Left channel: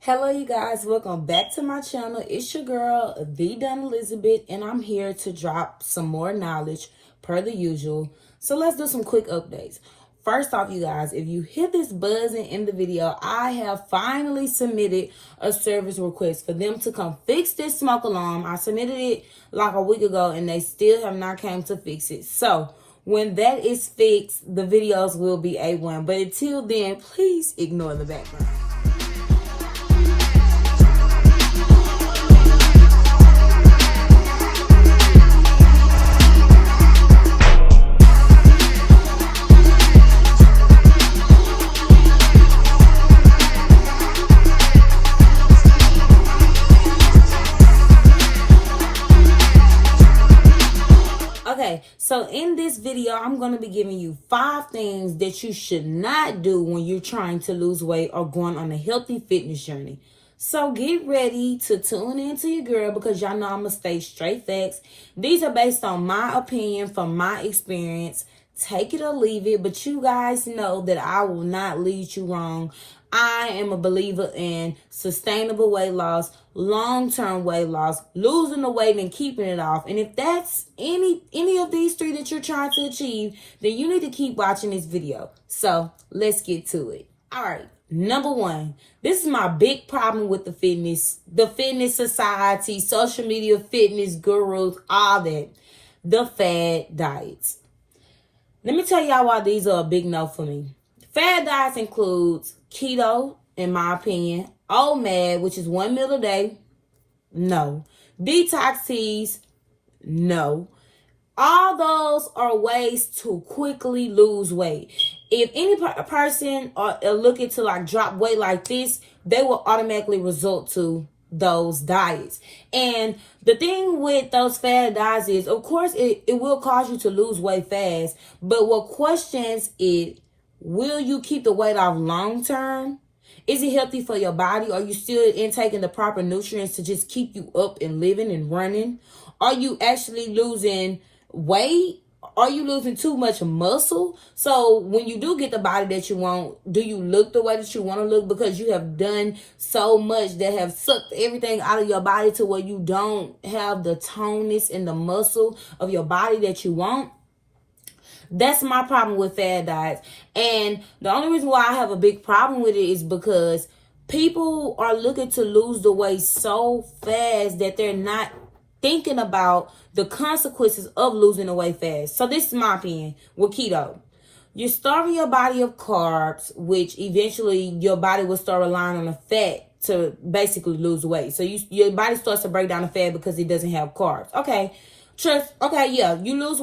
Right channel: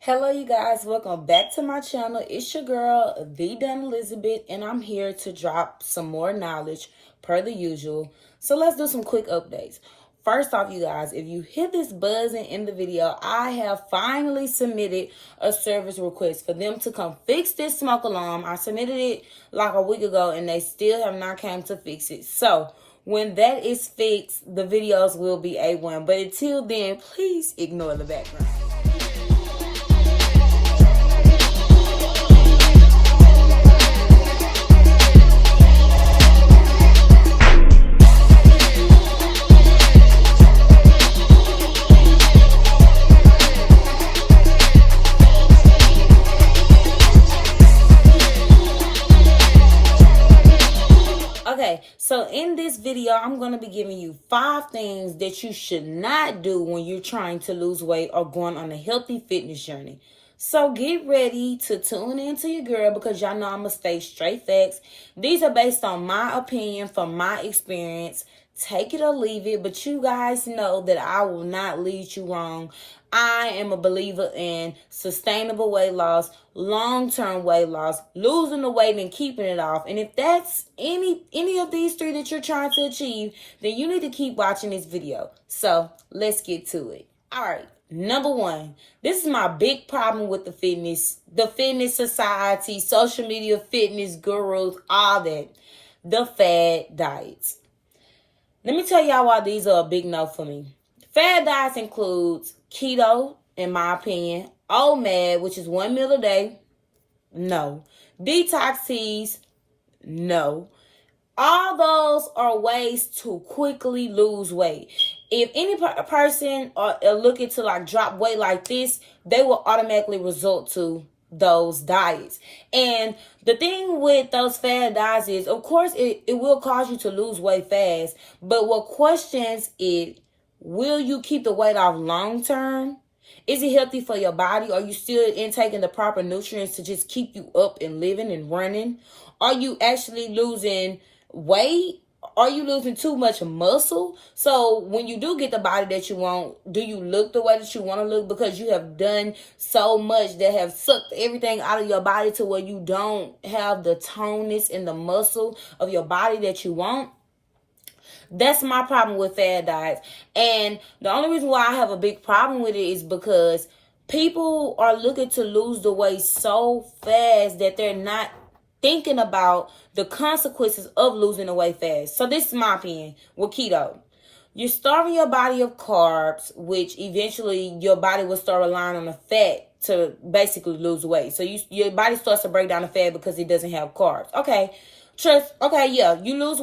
Hello, you guys. Welcome back to my channel. It's your girl, The Dun Elizabeth, and I'm here to drop some more knowledge per the usual. So let's do some quick updates. First off, you guys, if you hear this buzzing in the video, I have finally submitted a service request for them to come fix this smoke alarm. I submitted it like a week ago, and they still have not came to fix it. So when that is fixed, the videos will be A1. But until then, please ignore the background. Okay, so in this video, I'm going to be giving you 5 things that you should not do when you're trying to lose weight or going on a healthy fitness journey. So get ready to tune into your girl because y'all know I'm going to stay straight facts. These are based on my opinion from my experience. Take it or leave it, but you guys know that I will not lead you wrong. I am a believer in sustainable weight loss, long-term weight loss, losing the weight and keeping it off. And if that's any of these 3 that you're trying to achieve, then you need to keep watching this video. So let's get to it. All right. Number 1, this is my big problem with the fitness society, social media, fitness gurus, all that. The fad diets. Let me tell y'all why these are a big no for me. Fad diets includes keto, in my opinion, OMAD, which is 1 meal a day, no. Detox teas, no. All those are ways to quickly lose weight. If any person are looking to like drop weight like this, they will automatically resort to those diets. And the thing with those fad diets is, of course, it will cause you to lose weight fast. But what questions it, will you keep the weight off long term? Is it healthy for your body? Are you still intaking the proper nutrients to just keep you up and living and running? Are you actually losing weight? Are you losing too much muscle? So when you do get the body that you want, do you look the way that you want to look because you have done so much that have sucked everything out of your body to where you don't have the toneness and the muscle of your body that you want? That's my problem with fad diets. And the only reason why I have a big problem with it is because people are looking to lose the weight so fast that they're not thinking about the consequences of losing the weight fast. So this is my opinion with keto. You're starving your body of carbs, which eventually your body will start relying on the fat to basically lose weight. So your body starts to break down the fat because it doesn't have carbs. Okay. You lose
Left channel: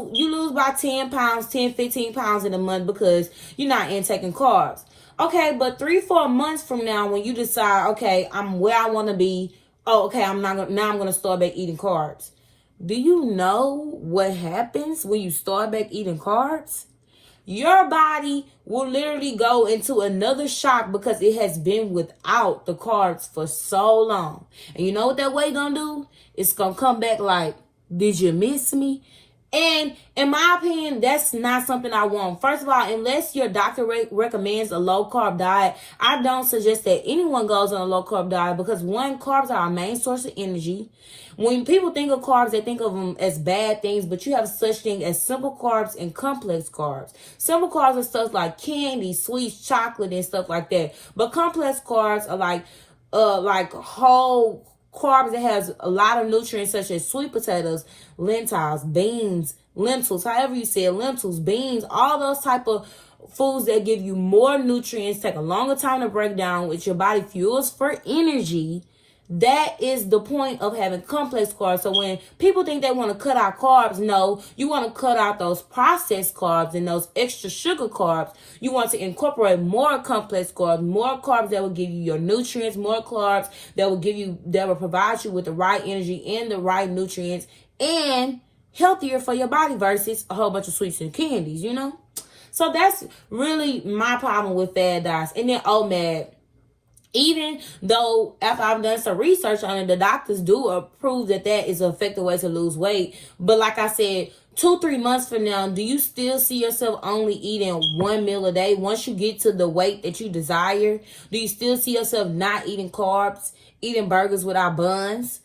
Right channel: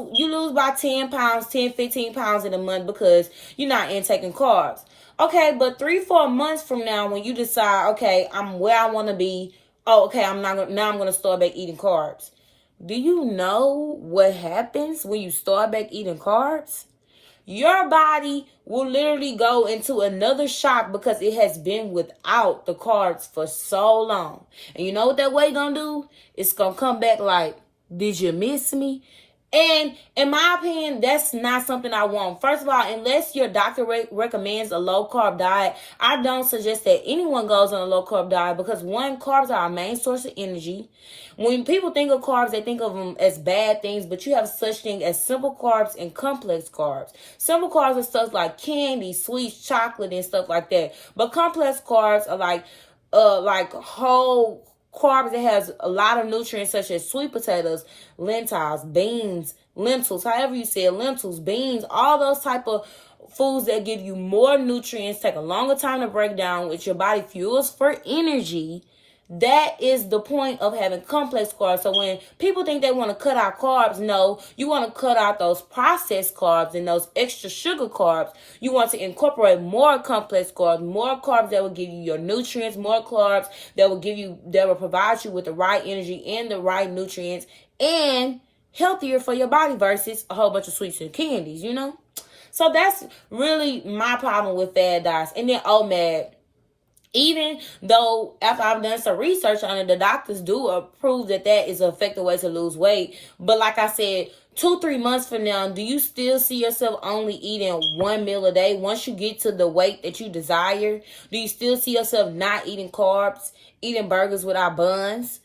about 10 pounds, 10, 15 pounds in a month because you're not intaking carbs. Okay, but 3-4 months from now, when you decide, okay, I'm where I want to be, I'm going to start back eating carbs. Do you know what happens when you start back eating carbs? Your body will literally go into another shock because it has been without the carbs for so long. And you know what that weight gonna do? It's gonna come back like, did you miss me? And in my opinion, that's not something I want. First of all, unless your doctor recommends a low-carb diet, I don't suggest that anyone goes on a low-carb diet because, 1, carbs are our main source of energy. When people think of carbs, they think of them as bad things, but you have such thing as simple carbs and complex carbs. Simple carbs are stuff like candy, sweets, chocolate, and stuff like that. But complex carbs are like whole carbs that has a lot of nutrients such as sweet potatoes, lentils, beans, lentils, however you say it, lentils, beans, all those type of foods that give you more nutrients, take a longer time to break down, which your body fuels for energy. That is the point of having complex carbs. So when people think they want to cut out carbs, no, you want to cut out those processed carbs and those extra sugar carbs. You want to incorporate more complex carbs, more carbs that will give you your nutrients, more carbs that will provide you with the right energy and the right nutrients and healthier for your body versus a whole bunch of sweets and candies, you know? So that's really my problem with fad diets. And then OMAD. Even though after I've done some research on it, the doctors do approve that that is an effective way to lose weight. But like I said, 2-3 months from now, do you still see yourself only eating one meal a day? Once you get to the weight that you desire, do you still see yourself not eating carbs, eating burgers without buns?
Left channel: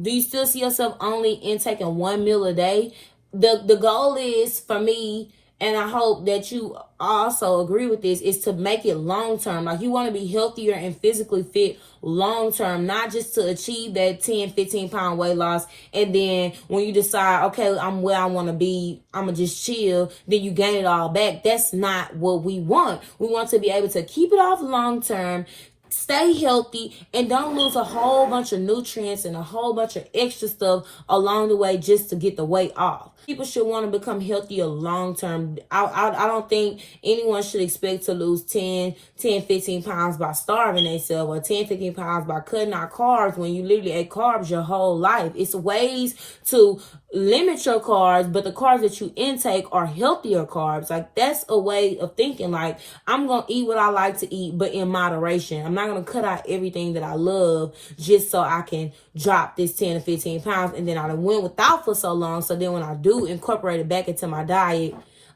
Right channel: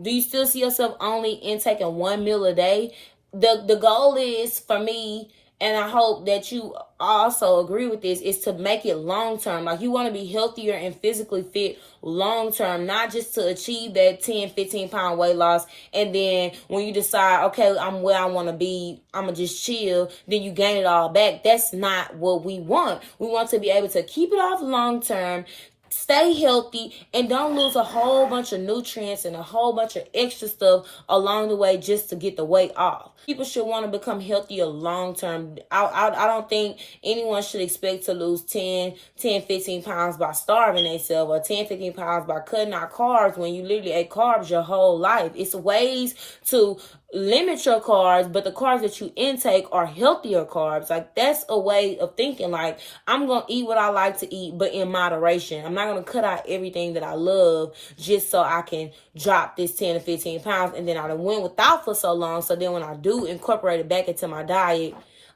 Do you still see yourself only intaking one meal a day? The goal is for me, and I hope that you also agree with this, is to make it long term. Like, you want to be healthier and physically fit long term, not just to achieve that 10-15 pound weight loss, and then when you decide, okay, I'm where I want to be, I'm gonna just chill, then you gain it all back. That's not what we want. We want to be able to keep it off long term, stay healthy, and don't lose a whole bunch of nutrients and a whole bunch of extra stuff along the way just to get the weight off. People should want to become healthier long term. I don't think anyone should expect to lose 15 pounds by starving themselves, or 15 pounds by cutting out carbs when you literally ate carbs your whole life. It's ways to limit your carbs, but the carbs that you intake are healthier carbs. Like, that's a way of thinking. Like, I'm going to eat what I like to eat, but in moderation. I'm not going to cut out everything that I love just so I can drop this 10-15 pounds. And then I done went without for so long. So then when I do incorporate it back into my diet,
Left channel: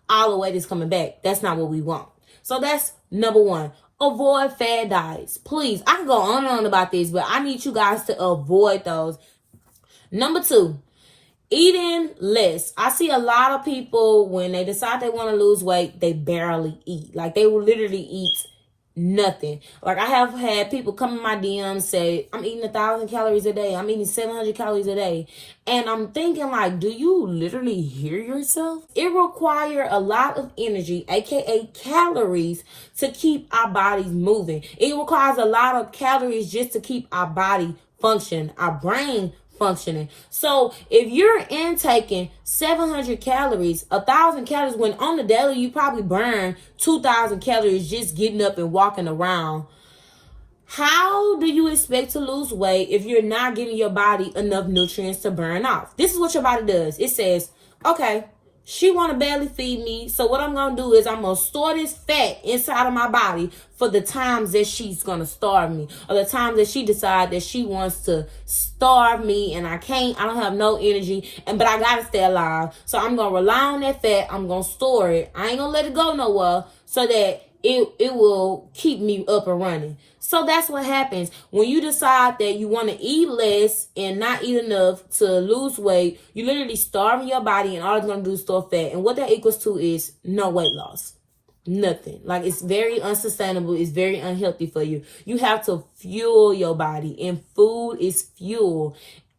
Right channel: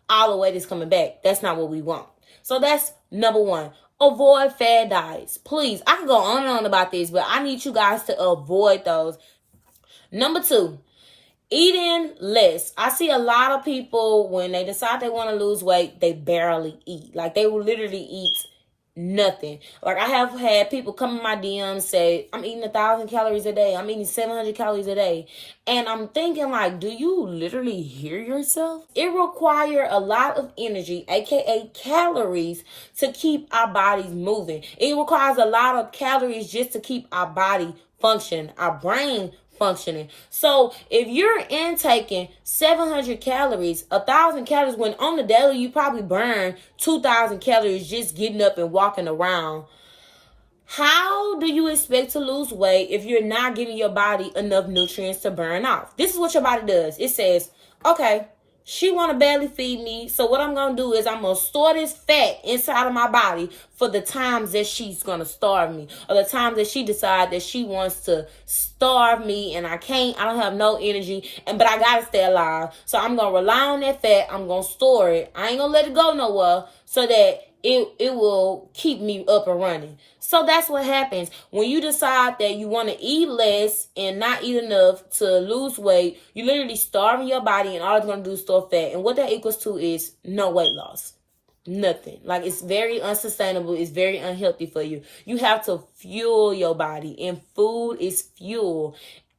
all the weight is coming back. That's not what we want. So that's number one. Avoid fad diets. Please, I can go on and on about this, but I need you guys to avoid those. Number two, eating less. I see a lot of people, when they decide they want to lose weight, they barely eat. Like, they will literally eat nothing. Like, I have had people come in my DMs say, I'm eating 1,000 calories a day. I'm eating 700 calories a day. And I'm thinking, like, do you literally hear yourself? It requires a lot of energy, aka calories, to keep our bodies moving. It requires a lot of calories just to keep our body functioning, our brain functioning. So if you're intaking 700 calories, 1,000 calories, when on the daily you probably burn 2,000 calories just getting up and walking around, how do you expect to lose weight if you're not giving your body enough nutrients to burn off? This is what your body does. It says, okay, she want to barely feed me, so what I'm going to do is I'm going to store this fat inside of my body for the times that she's going to starve me, or the times that she decides that she wants to starve me and I don't have no energy, but I got to stay alive. So I'm going to rely on that fat. I'm going to store it. I ain't going to let it go nowhere so that it will keep me up and running. So that's what happens when you decide that you want to eat less and not eat enough to lose weight. You literally starving your body, and all it's going to do is store fat. And what that equals to is no weight loss. Nothing. Like, it's very unsustainable. It's very unhealthy for you. You have to fuel your body, and food is fuel.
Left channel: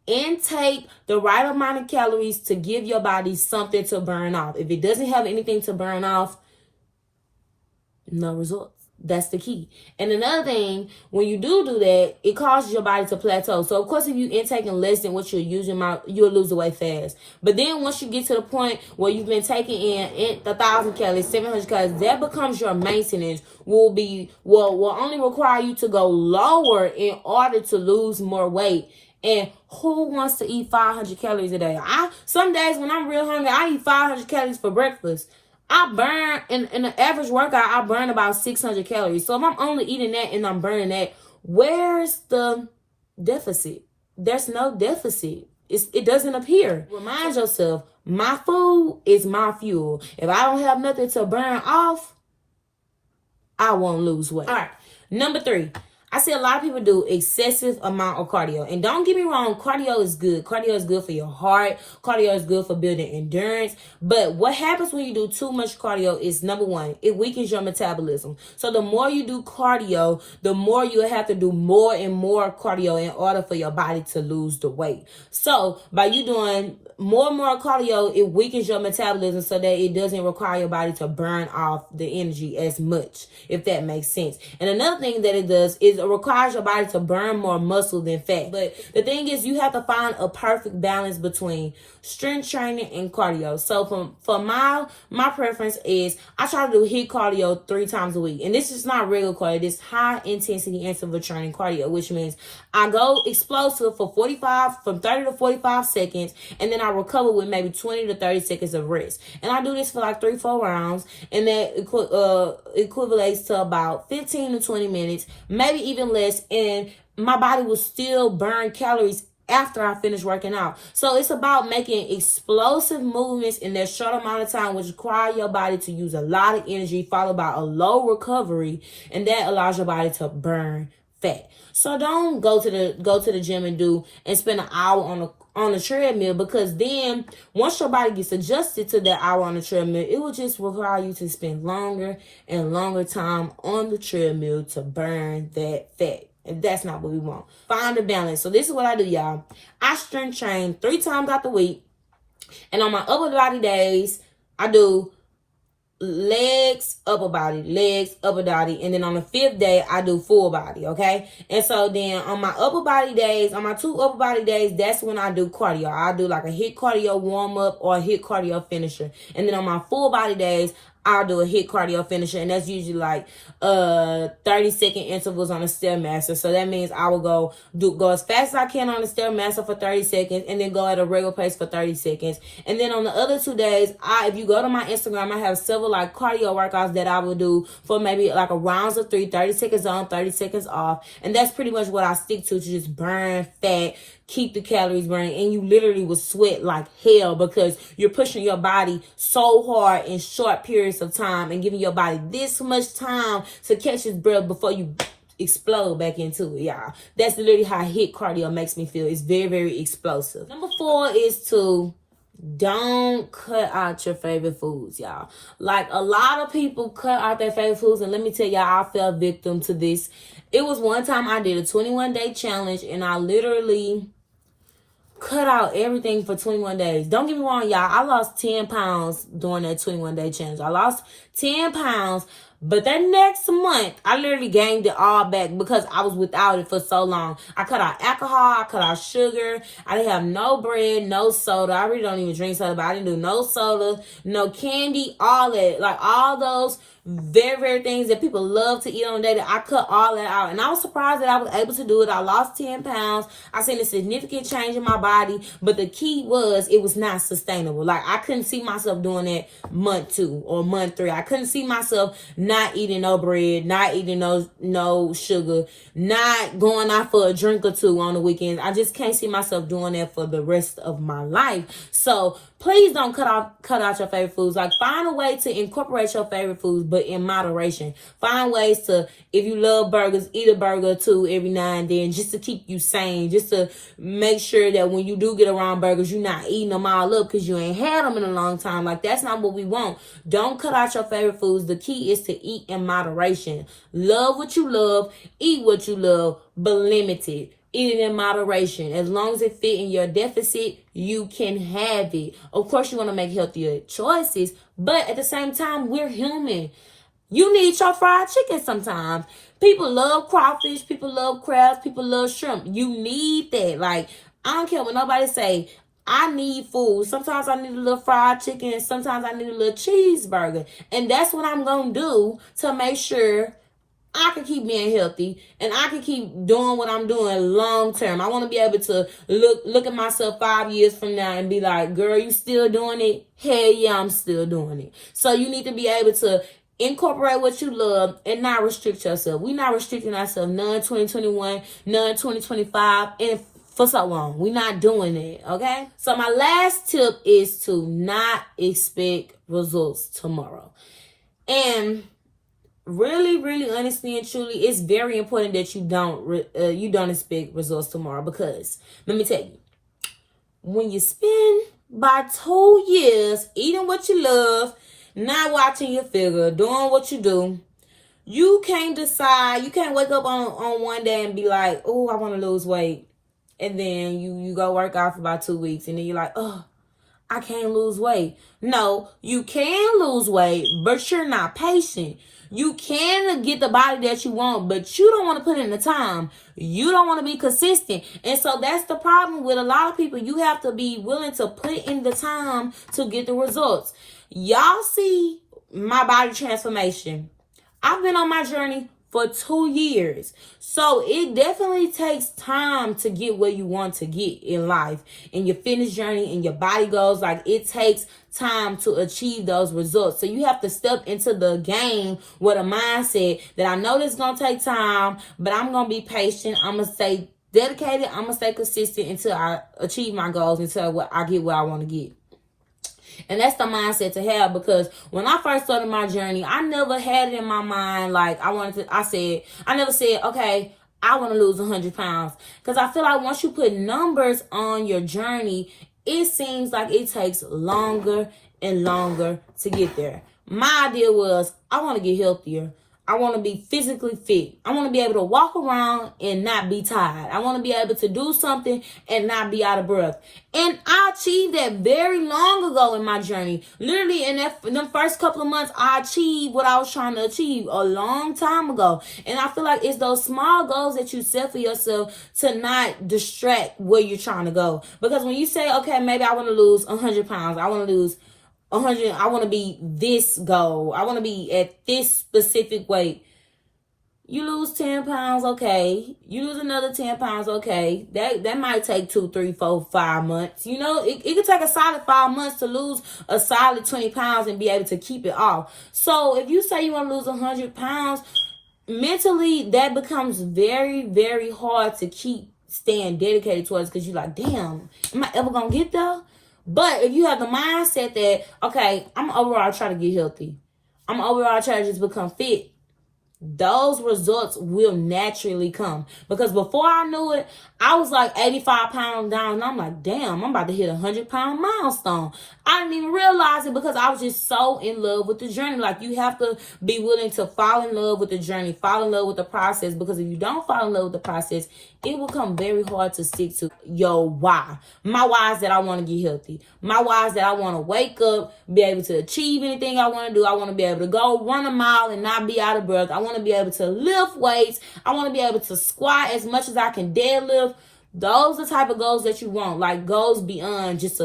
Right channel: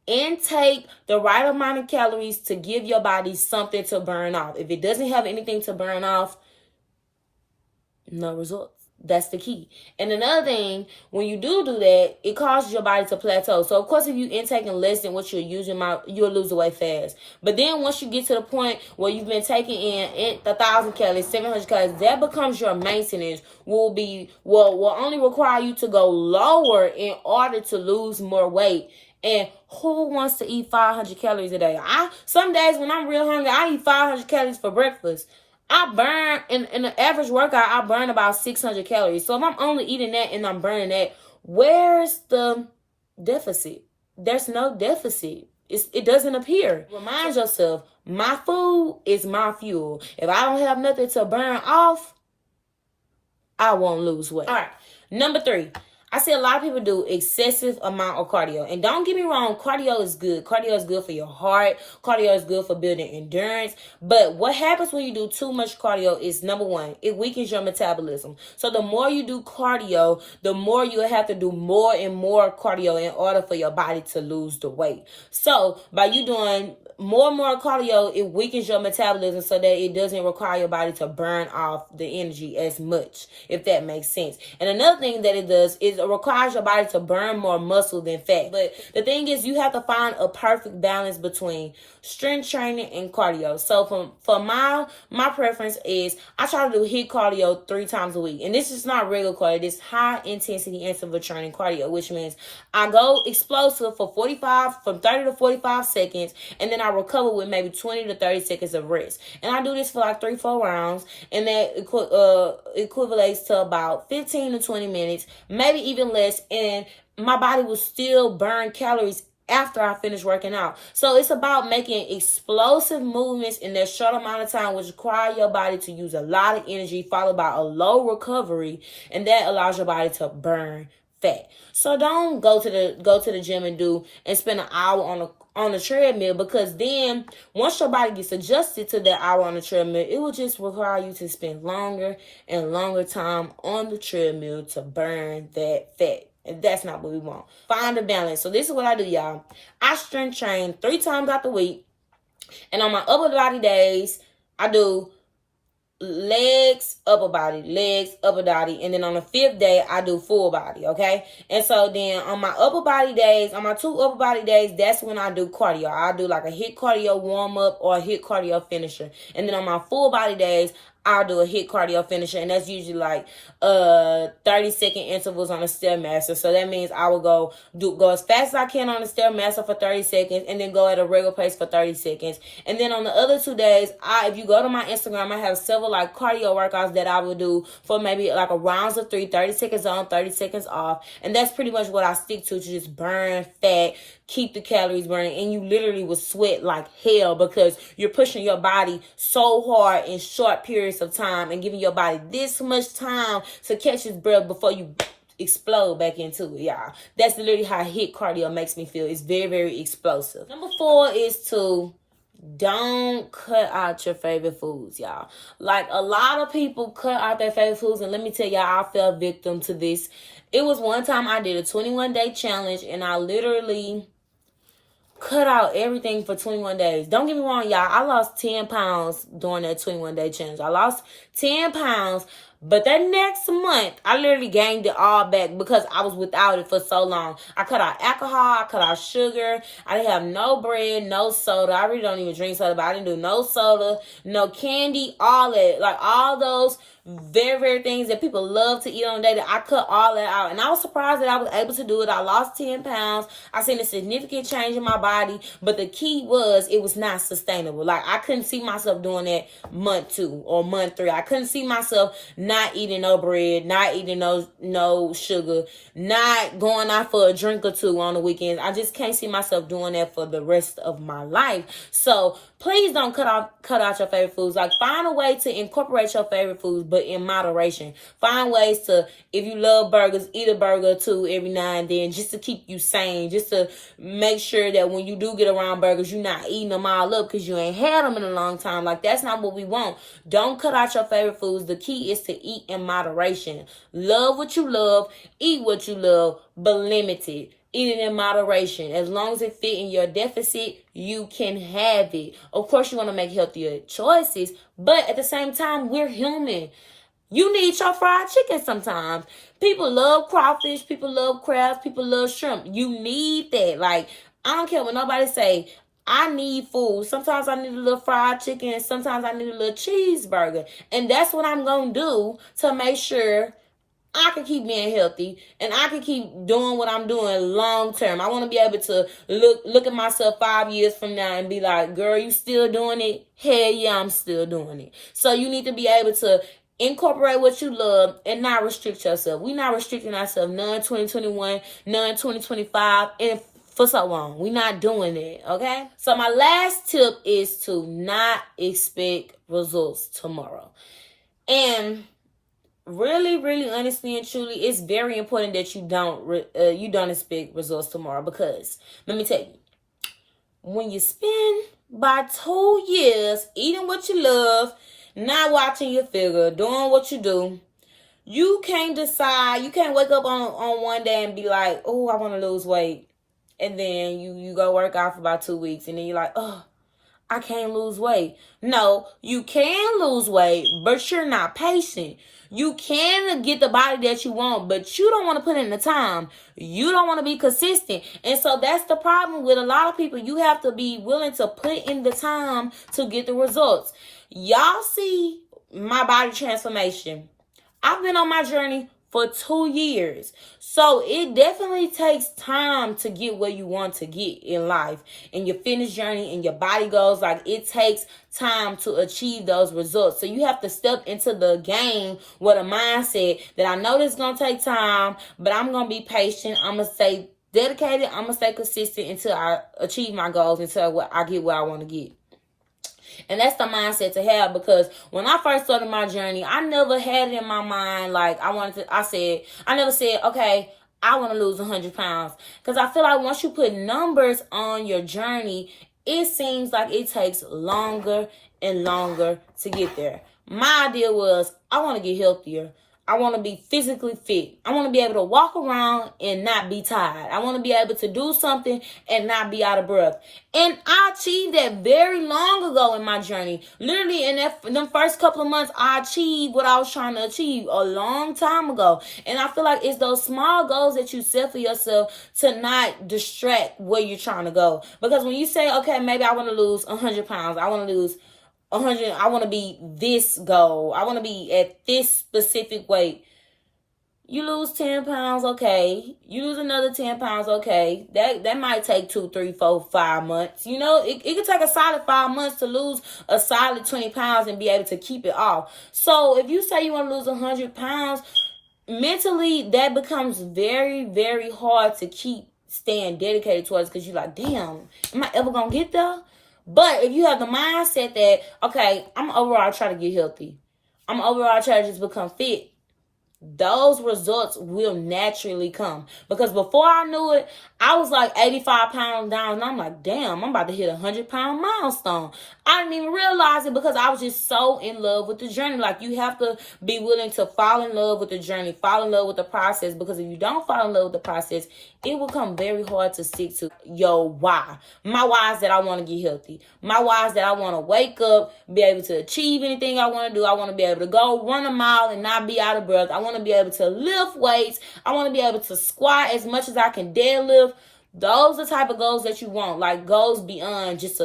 Intake the right amount of calories to give your body something to burn off. If it doesn't have anything to burn off, no results. That's the key. And another thing, when you do that, it causes your body to plateau. So, of course, if you're intaking less than what you're using, you'll lose the weight fast. But then once you get to the point where you've been taking in 1,000 calories, 700 calories, that becomes your maintenance, will only require you to go lower in order to lose more weight. And who wants to eat 500 calories a day? Some days when I'm real hungry, I eat 500 calories for breakfast. I burn, in an average workout, I burn about 600 calories. So if I'm only eating that and I'm burning that, where's the deficit? There's no deficit. It doesn't appear. Remind yourself, my food is my fuel. If I don't have nothing to burn off, I won't lose weight. All right, number 3. I see a lot of people do excessive amount of cardio. And don't get me wrong, cardio is good. Cardio is good for your heart. Cardio is good for building endurance. But what happens when you do too much cardio is, number one, it weakens your metabolism. So the more you do cardio, the more you have to do more and more cardio in order for your body to lose the weight. So by you doing more and more cardio, it weakens your metabolism so that it doesn't require your body to burn off the energy as much, if that makes sense. And another thing that it does is it requires your body to burn more muscle than fat. But the thing is, you have to find a perfect balance between strength training and cardio. So for my preference is, I try to do HIIT cardio 3 times a week. And this is not regular cardio. This high intensity interval training cardio, which means I go explosive for 30 to 45 seconds, and then I recover with maybe 20 to 30 seconds of rest. And I do this for like 3-4 rounds, and that equivalates to about 15 to 20 minutes, maybe even less, and my body will still burn calories after I finish working out. So it's about making explosive movements in that short amount of time, which require your body to use a lot of energy, followed by a low recovery, and that allows your body to burn fat. So don't go to the gym and spend an hour on the treadmill, because then once your body gets adjusted to that hour on the treadmill, it will just require you to spend longer and longer time on the treadmill to burn that fat. And that's not what we want. Find a balance. So this is what I do, y'all. I strength train 3 times out the week. And on my upper body days, I do legs, upper body, legs, upper body. And then on the 5th day, I do full body, okay? And so then on my upper body days, on my 2 upper body days, that's when I do cardio. I do like a HIIT cardio warm-up or a HIIT cardio finisher. And then on my full body days, I'll do a HIIT cardio finisher, and that's usually like 30-second intervals on a Stairmaster. So that means I will go as fast as I can on the Stairmaster for 30 seconds, and then go at a regular pace for 30 seconds. And then on the other 2 days, if you go to my Instagram, I have several like cardio workouts that I will do for maybe like a rounds of 3, 30 seconds on, 30 seconds off. And that's pretty much what I stick to just burn fat, keep the calories burning, and you literally will sweat like hell because you're pushing your body so hard in short periods of time and giving your body this much time to catch its breath before you explode back into it, y'all. That's literally how HIIT cardio makes me feel. It's very, very explosive. Number 4 is to don't cut out your favorite foods, y'all. Like, a lot of people cut out their favorite foods, and let me tell y'all, I fell victim to this. It was one time I did a 21-day challenge, and I literally cut out everything for 21 days. Don't get me wrong, y'all. I lost 10 pounds during that 21-day challenge. I lost 10 pounds, but that next month, I literally gained it all back because I was without it for so long. I cut out alcohol. I cut out sugar. I didn't have no bread, no soda. I really don't even drink soda, but I didn't do no soda, no candy, all that. Like, all those very, very things that people love to eat on a day, that I cut all that out. And I was surprised that I was able to do it. I lost 10 pounds. I seen a significant change in my body. But the key was, it was not sustainable. Like, I couldn't see myself doing that month 2 or month 3. I couldn't see myself not eating no bread, not eating no sugar, not going out for a drink or 2 on the weekends. I just can't see myself doing that for the rest of my life. So please don't cut out your favorite foods. Like, find a way to incorporate your favorite foods, but in moderation. Find ways to, if you love burgers, eat a burger or 2 every now and then, just to keep you sane, just to make sure that when you do get around burgers, you're not eating them all up because you ain't had them in a long time. Like, that's not what we want. Don't cut out your favorite foods. The key is to eat in moderation. Love what you love, eat what you love, but limit it. Eat it in moderation. As long as it fit in your deficit, you can have it. Of course, you want to make healthier choices, but at the same time, we're human. You need your fried chicken sometimes. People love crawfish. People love crabs. People love shrimp. You need that. Like, I don't care what nobody say. I need food. Sometimes I need a little fried chicken, and sometimes I need a little cheeseburger. And that's what I'm going to do to make sure I can keep being healthy and I can keep doing what I'm doing long term. I want to be able to look at myself 5 years from now and be like, girl, you still doing it? Hell yeah, I'm still doing it. So you need to be able to incorporate what you love and not restrict yourself. We're not restricting ourselves none 2021, none 2025, and for so long. We're not doing that, okay? So my last tip is to not expect results tomorrow. And really, really, honestly and truly, it's very important that you don't expect results tomorrow, because let me tell you, when you spend about 2 years eating what you love, not watching your figure, doing what you do, you can't decide. You can't wake up on one day and be like, oh, I want to lose weight, and then you go work out for about 2 weeks, and then you're like, oh, I can't lose weight. No, you can lose weight, but you're not patient. You can get the body that you want, but you don't want to put in the time. You don't want to be consistent. And so that's the problem with a lot of people. You have to be willing to put in the time to get the results. Y'all see my body transformation. I've been on my journey for 2 years. So it definitely takes time to get where you want to get in life, in your fitness journey, in your body goals. Like, it takes time to achieve those results. So you have to step into the game with a mindset that I know this is going to take time, but I'm going to be patient. I'm going to stay dedicated. I'm going to stay consistent until I achieve my goals, until I get where I want to get. And that's the mindset to have, because when I first started my journey, I never had it in my mind like I never said, okay, I want to lose 100 pounds. Because I feel like once you put numbers on your journey, it seems like it takes longer and longer to get there. My idea was, I want to get healthier. I want to be physically fit. I want to be able to walk around and not be tired. I want to be able to do something and not be out of breath. And I achieved that very long ago in my journey. Literally in them first couple of months, I achieved what I was trying to achieve a long time ago. And I feel like it's those small goals that you set for yourself to not distract where you're trying to go. Because when you say, okay, maybe I want to lose 100 pounds. I want to lose 100. I want to be this goal. I want to be at this specific weight. You lose 10 pounds, okay. You lose another 10 pounds, okay. That might take 2, 3, 4, 5 months. You know, it could take a solid 5 months to lose a solid 20 pounds and be able to keep it off. So if you say you want to lose 100 pounds, mentally that becomes very, very hard to keep staying dedicated towards, because you're like, damn, am I ever going to get there? But if you have the mindset that, okay, I'm overall trying to get healthy, I'm overall trying to just become fit, those results will naturally come. Because before I knew it, I was like 85 pounds down, and I'm like, damn, I'm about to hit 100-pound milestone. I didn't even realize it, because I was just so in love with the journey. Like, you have to be willing to fall in love with the journey, fall in love with the process, because if you don't fall in love with the process, it will become very hard to stick to your why. My why is that I want to get healthy. My why is that I want to wake up, be able to achieve anything I want to do. I want to be able to go run a mile and not be out of breath. I want to be able to lift weights. I want to be able to squat as much as I can deadlift. Those are the type of goals that you want. Like, goes beyond just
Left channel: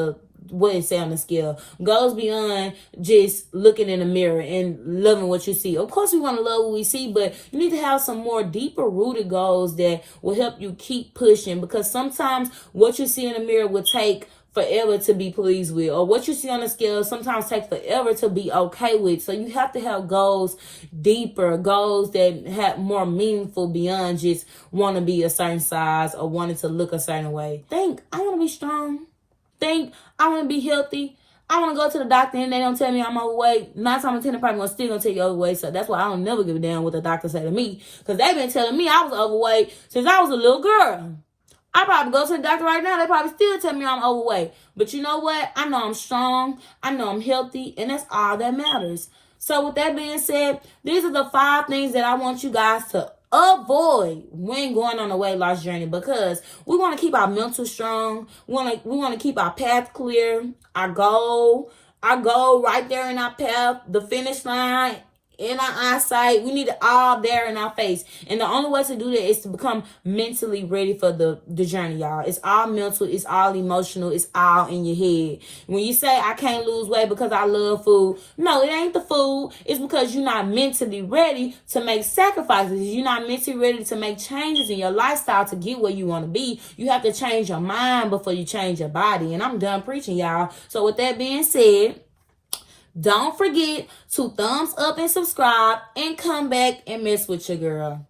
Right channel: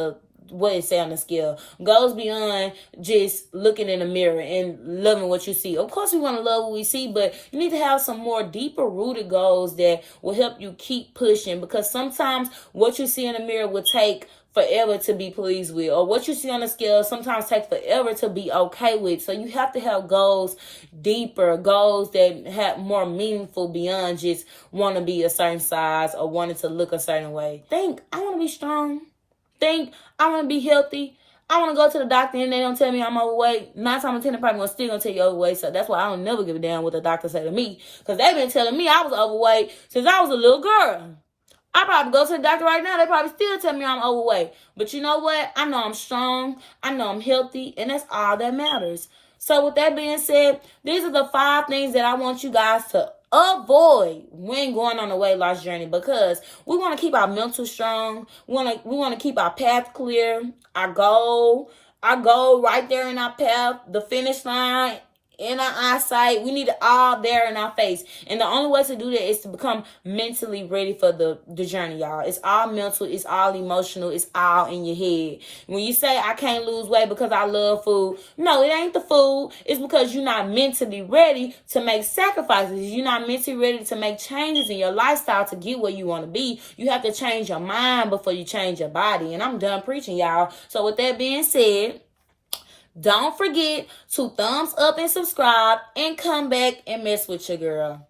what it say on the scale. Goes beyond just looking in the mirror and loving what you see. Of course, we want to love what we see, but you need to have some more deeper rooted goals that will help you keep pushing, because sometimes what you see in the mirror will take forever to be pleased with, or what you see on the scale sometimes take forever to be okay with. So you have to have goals deeper, goals that have more meaningful beyond just want to be a certain size or wanting to look a certain way. Think, I want to be strong. Think, I want to be healthy. I want to go to the doctor and they don't tell me I'm overweight. 9 times out of 10, they're probably still going to tell you overweight. So that's why I don't never give a damn what the doctor say to me, because they've been telling me I was overweight since I was a little girl. I probably go to the doctor right now, they probably still tell me I'm overweight. But you know what? I know I'm strong. I know I'm healthy. And that's all that matters. So with that being said, these are the 5 things that I want you guys to avoid when going on a weight loss journey, because we want to keep our mental strong. We want to keep our path clear, our goal right there in our path, the finish line, in our eyesight. We need it all there in our face. And the only way to do that is to become mentally ready for the journey, y'all. It's all mental. It's all emotional. It's all in your head. When you say, I can't lose weight because I love food, no, it ain't the food. It's because you're not mentally ready to make sacrifices. You're not mentally ready to make changes in your lifestyle to get where you want to be. You have to change your mind before you change your body. And I'm done preaching, y'all. So with that being said, don't forget to thumbs up and subscribe and come back and mess with your girl.